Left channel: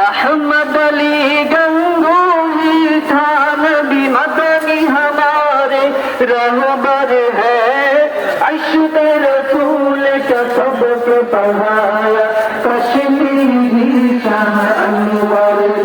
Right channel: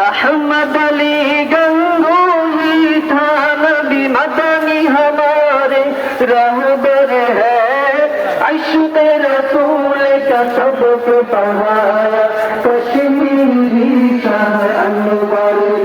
احمد علی گنگوئی تھا نبی مدنی ہمارے رہبر ہے شکر رسول کا سب کو پایا کشمیر بھی شان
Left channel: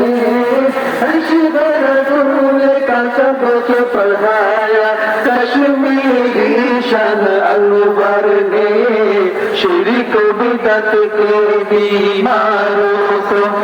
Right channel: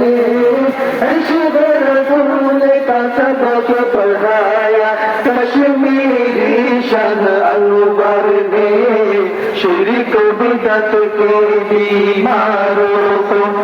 نے کانشان دے پرایا کشمیر بھی شان ال رب ہے شوری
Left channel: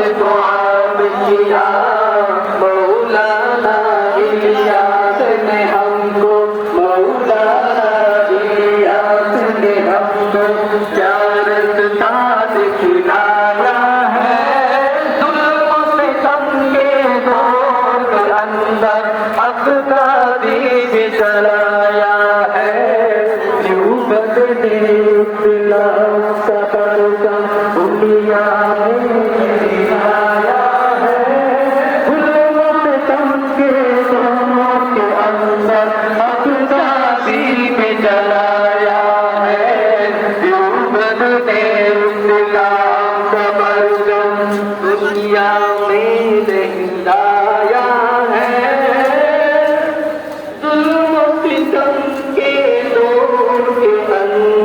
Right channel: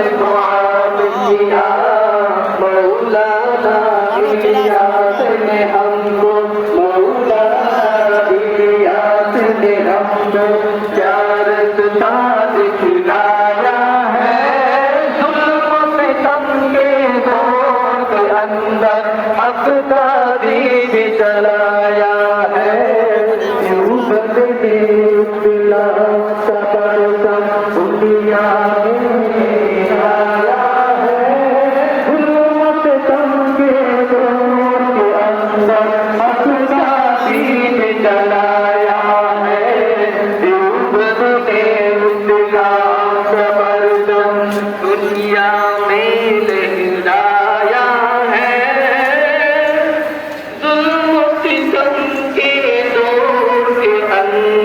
भलिया अंदर असां बि तूत دنیا میں لہایا ہے دوتی